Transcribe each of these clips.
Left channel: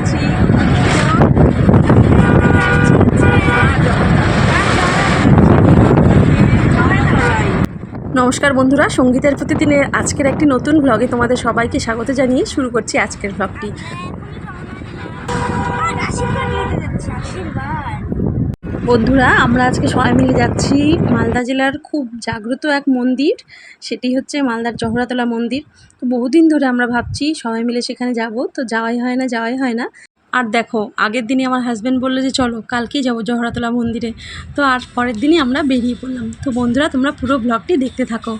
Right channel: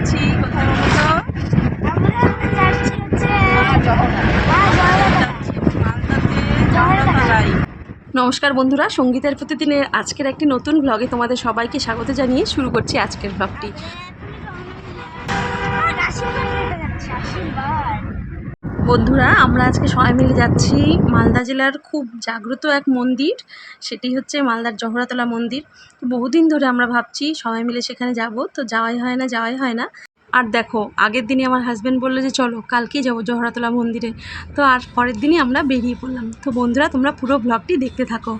যাচ্ছি কোথায় বলো তো? নমস্কার বন্ধুরা, সঙ্গীতের প্রতিদিনের আজকের একটি নতুন ব্লগে তোমাদের সবাইকে স্বাগত জানিয়ে শুরু করছি আজকের ব্লগটি। বন্ধুরা, আমরা আজকে সবাই মিলে যাচ্ছি মালদা জেলার খুব জাগ্রত এক মন্দির, সেটি হচ্ছে মালদার জহরাতলা মন্দির। তো বহুদিন ধরে আমরা ভাবছি সবাই মিলে সেখানে যাব, তো যাওয়াই হয় না। আর দেখো, আগের দিনই আমার হাজব্যান্ড বললো যে চলো কালকেই যাবো জহরাতলা মন্দিরে। তো আর পরের দিনই আমরা বেরিয়ে পড়লাম। তো বন্ধুরা, তোমরা পুরো ব্লগটি দেখতে থাকো।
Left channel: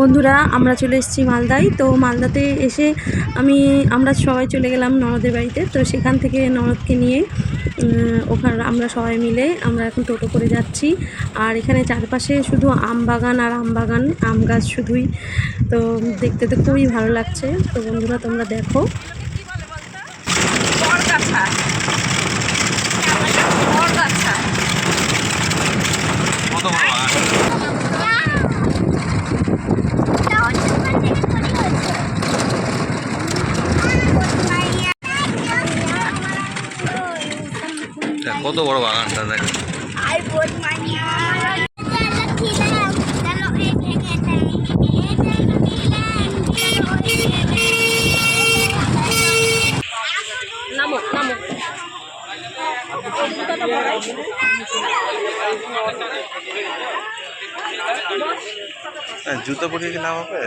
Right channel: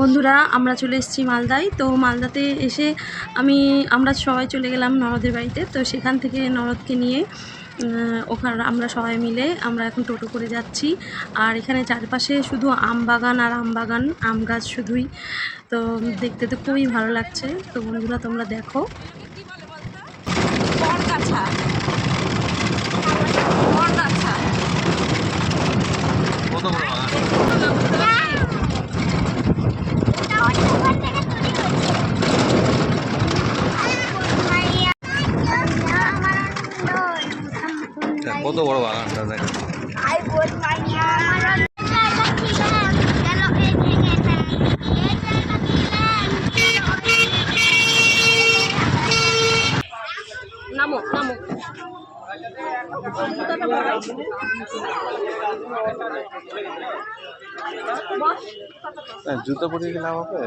বন্ধুরা, আমরা চলে এসেছি মালদায়। তো মালদাতে এসে আমরা সবাই চলে গেলাম ননদের বাড়িতে। তো সেখান থেকে ননদকে নিয়ে ওখানে আমরা সবাই মিলে আমরা এখন টোটো করে যাচ্ছি। আর এখানে চারপাশে শুধু আম বাগান আর আম বাগান, আম গাছ শুধুই। তো দেখতে তো খুবই ভালো লাগছে। তো বন্ধুরা, তোমরা দেখো। কত বড় বাগানটা দেখো। নামো নামো। জুতো পরিয়ে কি নাম হবে?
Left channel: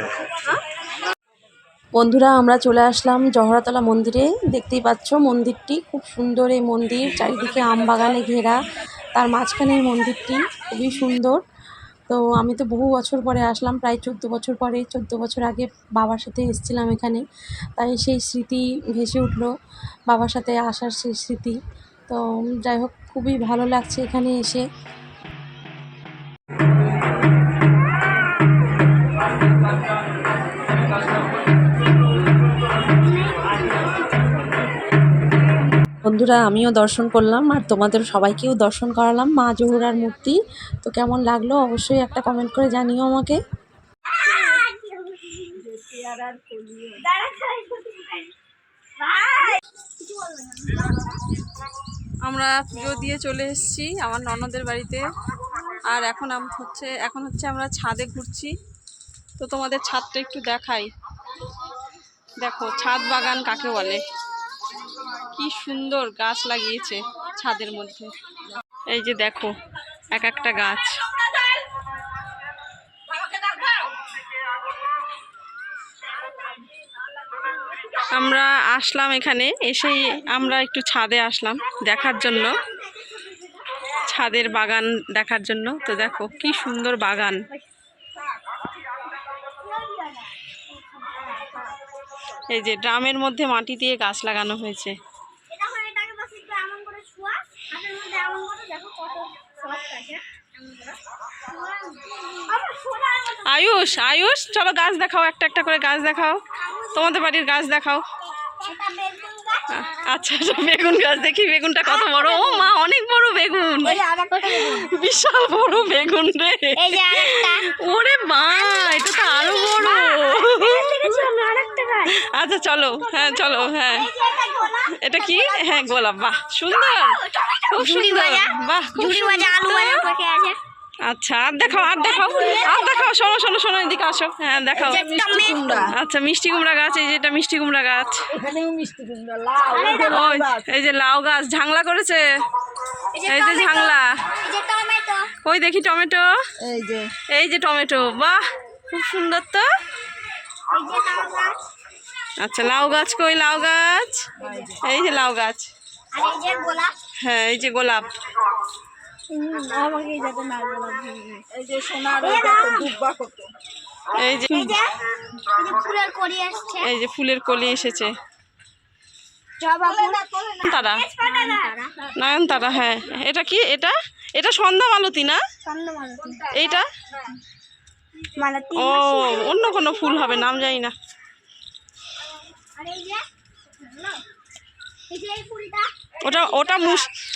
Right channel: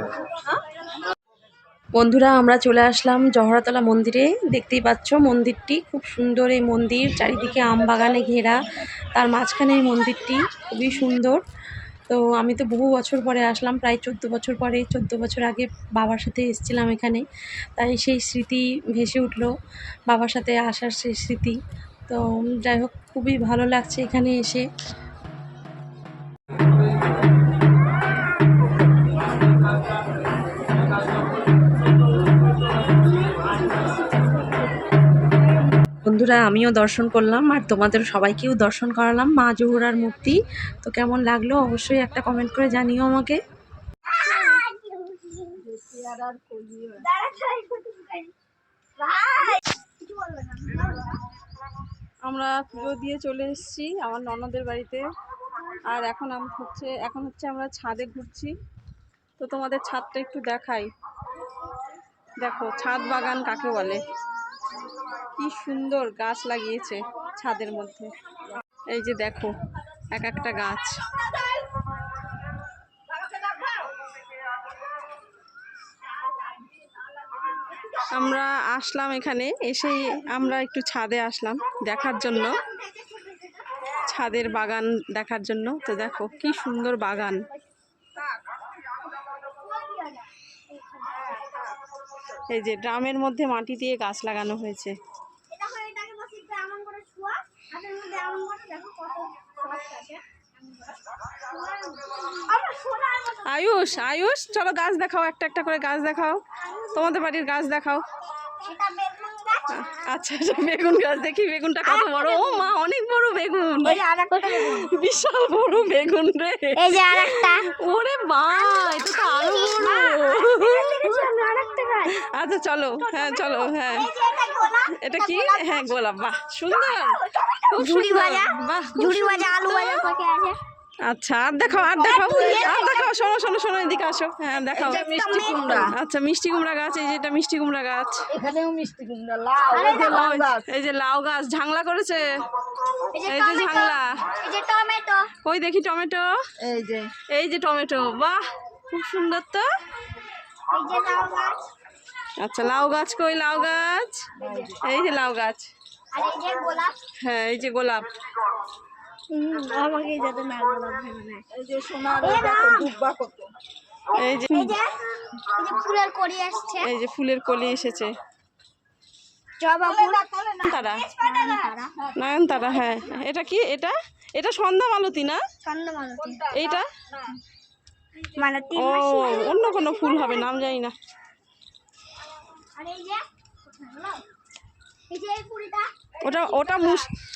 বন্ধুরা, আমরা চলে আসলাম জহরাতলা মন্দিরে। দেখতেই পাচ্ছ মন্দিরটি খুব সুন্দর। এই মন্দির চারিদিকে আম বাগানে ঘেরা, তার মাঝখানে এই মন্দিরটি খুবই সুন্দর। তো আমি তো বহু বছর পরে আসলাম, প্রায় 14 বছর পরে। 14 বছর আগে বাবার সাথে এসেছিলাম এখানে, তাই সেই স্মৃতি ভেসে উঠলো, বাবার সাথে আসার সেই স্মৃতি। তো যাই হোক, খুবই ভালো লাগছে এখানে এসে। বন্ধুরা, আমিও দর্শন করলাম আর তোমাদের সবাইকেও দর্শন করালাম মা জহুরার মূর্তি। তো কেমন লাগলো অবশ্যই একটা কমেন্ট করে জানিও আমাকে। আমরা পুজো দিয়ে চলে এসেছি আমার ননদের বাড়িতে। আর এখন হচ্ছে আমরা ছাদে ঘুরছি। তো তোমাদের ছাদটা একটু দেখাই। দেখো, ছাদ বাগান কাকে বলে, কি সুন্দর গাছ লাগিয়েছে ছাদের মধ্যে। এই যে দেখো, এক একটা গাছ। আমরা আসলাম এখানে, এসেই আমরা একটু ছাদে আসলাম দেখার জন্য, ছাদের বাগান দেখার জন্য। তো দেখো কি সুন্দর বাগান। এই যে ড্রামের মধ্যে মাটি দিয়ে গাছ লাগানো হয়েছে। আয়ুষ, আয়ুষ, চলো গাছ দেখাও, একটা একটা করে গাছ দেখাও, তোমাদের বাড়ির গাছ দেখাও। আচ্ছা আচ্ছা, বেগুন গাছ দেখি বেগুনটা কত বড়। ও মা, অনেক বড় বেগুন, বিশাল বড় বেগুন রে। ওরে মা, এটা তো আরো বড়। আচ্ছা চলো, হ্যাঁ চলো, হ্যাঁ এটা কি? হ্যাঁ গোলাপ, বাহ সুন্দর, খুব সুন্দর, বাহ খুব সুন্দর। আচ্ছা আর দেখাও, আর দেখাও, আর দেখাও, শোনো শোনো শোনো, এদিকে আসো, হ্যাঁ দেখাও। আচ্ছা মিষ্টি কুমড়া গাছ, এই যে এটা মিষ্টি কুমড়া গাছ। ওই এই যে লাউ গাছ, ঝাংলা করেছে, এই যে ঝাংলা। ওই দেখি টমেটো, এই যে টমেটো, বাহ খুব সুন্দর তো। আচ্ছা লাউ গাছ কই? লাউ গাছ, এই যে লাউ গাছ, হ্যাঁ এই যে গোলাপ। এই যে এই যে ফুলের কলি এসেছে, তারা নয়নতারা। হ্যাঁ এটা কি? এটা এটা সন্ধ্যা মালতী না? এইটা ও অন্য কোনো ফুল হবে, নাম জানি না। ওটা ওটা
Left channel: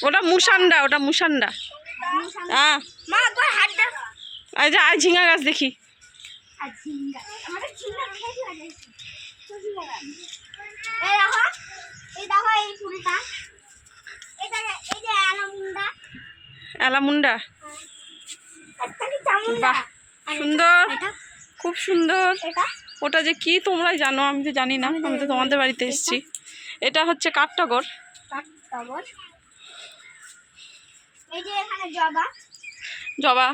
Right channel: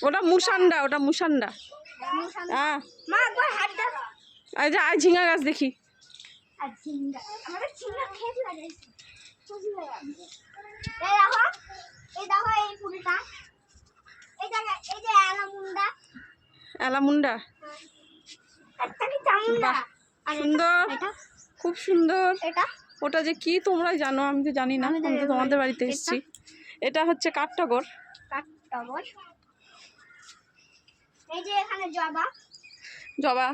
ওটা মুসান্ডা, ওটা মুসান্ডা। হ্যাঁ এই যে আই ঝিঙা গাছ দেখি। এলামুন্ডা, বাহ সুন্দর, খুব সুন্দর। ওটা যে কি তোমরাই জানো, আমি তো জানি না, আমি তো তোমাদের বাড়িতে এসেছি। এটা হচ্ছে কাঠটগর, জবা,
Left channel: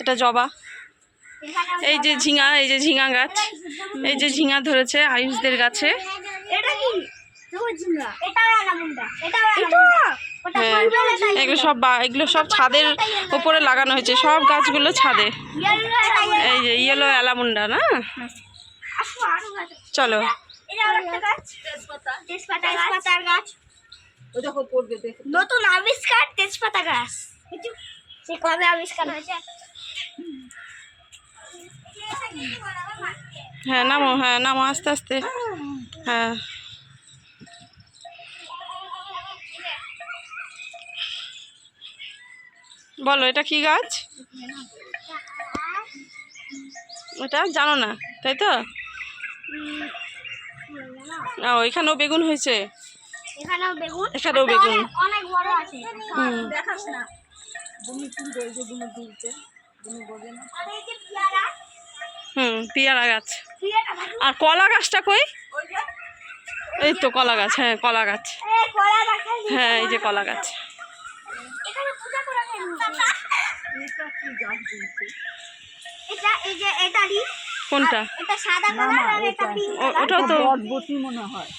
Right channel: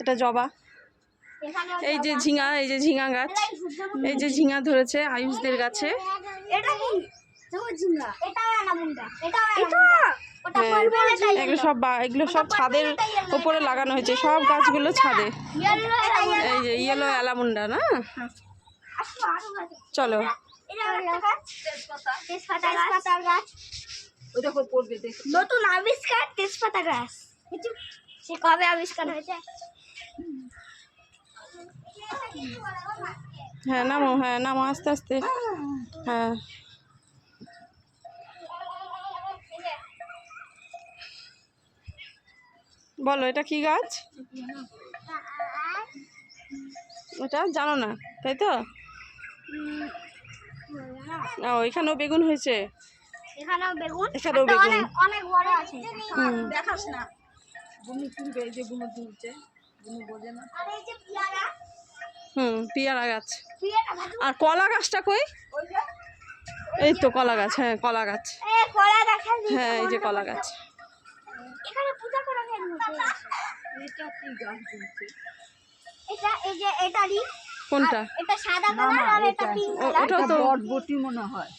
এটা জবা। এই যে ঝিঙা, এই যে ঝিঙা গাছ, এই যে ঝিঙা ধরেছে আয়ুষদের গাছে। হ্যাঁ এগুলো সব এগুলো সব ছাদের উপরে লাগানো হয়েছে, সব গাছগুলো ছাদে। এই যে ইয়েলো অ্যালামুন্ডা না? চলো নতুন আবিষ্কার তেজপাতা গাছ, সে কবে আবিষ্কার হয়েছে? হ্যাঁ নামো, হ্যাঁ নামো আস্তে আস্তে, হ্যাঁ বলো এটা কি গাছ? ওটা জানো না তাই তো? ও এখানেও বেগুন হয়েছে, এখানেও বেগুন, এখানেও বেগুন। অনেক বড় আছে। দেখাস না, ভূমি তুলবে, এই যে ভূমি তুলছে, ভূমি বোঝে না। আর এই যে পেয়ারা, পেয়ারা গাছ। পেয়ারা ভালো। আর কলা গাছটা কই? ওই যে এই তো কলা গাছ, হ্যাঁ কলা গাছ, এই কলা দেখাই দি। হ্যাঁ এই যে কলা গাছ। এখানে পূজা করা যায় না। এটা কি গাছ বলছে? এটা এই যে এটারই, কোনটা? এটা সাদা কালার আর এটা পিঙ্ক কালার। ওটাও তো বটবটি মনে হয়।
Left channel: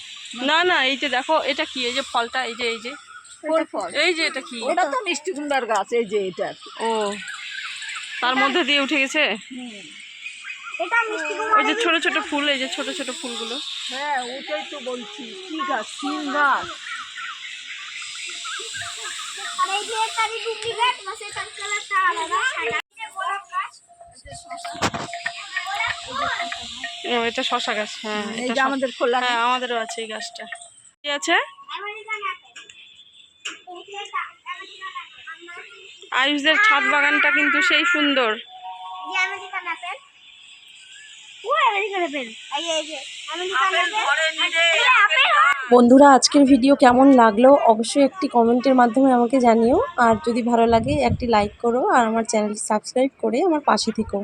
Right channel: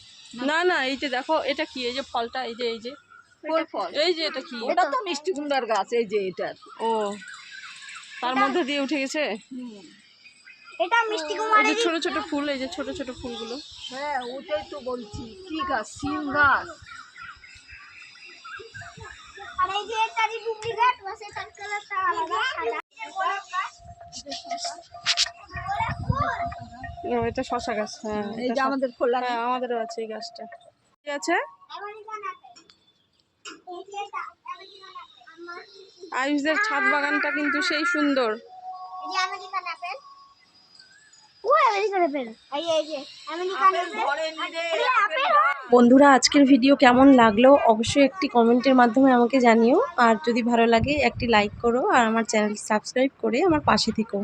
না না, এই যে দেখো এটা কি? এই যে ফলটা, এই যে এই যে কোন ফল? এই যে এটা কি? ওটা তো মিষ্টি কুমড়ার গাছ, এই যে এটা। ও তার মধ্যে দিয়ে উঠে গেছে। এটা মিষ্টি ওই কুমড়া। যে ছোট ছোট ফুল, এই যে ছোট ছোট ফুলগুলো। হ্যাঁ ওটাই তো বলছি, কি গাছ? সিম গাছ। আর এই যে এটারই ডুপ্লিকেট, বাস এটার কালারটা আলাদা সাদা। এই যে গোলাপ গাছ, ও এটা শশা গাছ, হ্যাঁ এই এটা যে আমাদের খোলা। হ্যাঁ আমাদেরও আছে এই গাছটা। কি আছে? American apple. এই যে এটা আমেরিকান আপেল। আয়ুষদের ছাদ বাগানটা কিন্তু সেই সুন্দর। এই যে আমেরিকান আপেল। ও আমেরিকান আপেল। এই যে আমেরিকান আপেল। বন্ধুরা আজকের ভিডিও কেমন লাগলো অবশ্যই একটি কমেন্টের মাধ্যমে আমাকে জানিও, আর যদি ভালো লাগে একটি লাইক করো, আর আমার চ্যানেলটি সাবস্ক্রাইব করে আমার পাশে থেকো।